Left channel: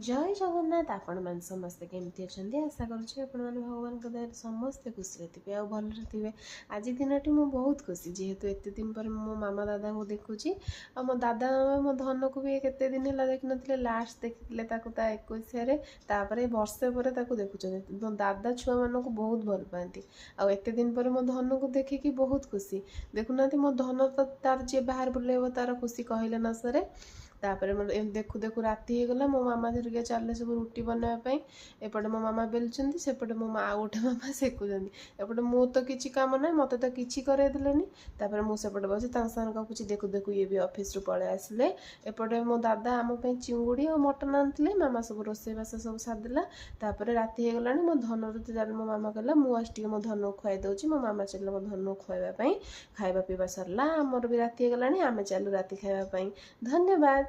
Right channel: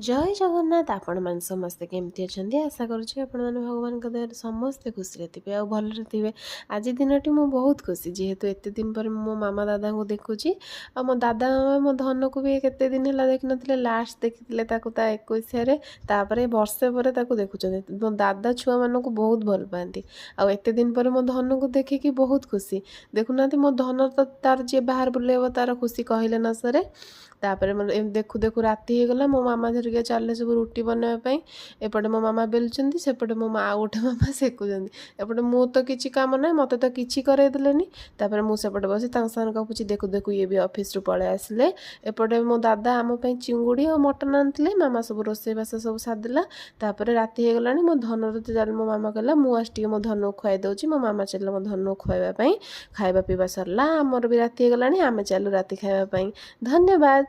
जय जगन्नाथ आपण मैंने समस्ते केमती अच्छा आशा करुच्छे आपण मैंने भगवान दयार समस्ते खुशी थे आ भलरे थे। आज दिनटी मु बहुत खुशी जेहेतु एत दिन पर मो मामा दादा को देखुची आ मो दादा मामा मो धन को भी केते दिन है देखी ना लास्ट देखी 21 वर्षे पर देखुं मो दादा छुआ मान को बहुत भल पाती आत दिन पर मो धन को देखिकी बहुत खुशी देखुना मो धन तो तार जी बाहर बुलेब तार खुशी कहले न सरे। तापर देखु देखु राति हो गला मो मामा धरिक चले सब रुटी बनवाई एपटे मो मामा बेलुंट सेपटे मो माँ गोटे मामा सेकुंट एपटे मु तो किसी कम ना मत तो किसी करदेनि मुझे बस गपुची देखु देखु ये भी ऑफिस रु पलि आसिले एपटे मो दादा आम चिंगुड़ी और मटन आनी मामा सब रोसईबास सब सारदेला राति हो गला मो धन चल मो मामा कहला मुझे मो धन को खुआई दूसरी मो मामा चल मो धन को खुआवाई खाଇବା ପିଇବା सरला आमर भी राति हो गला आम चलू राति खावाई। धन्यवाद।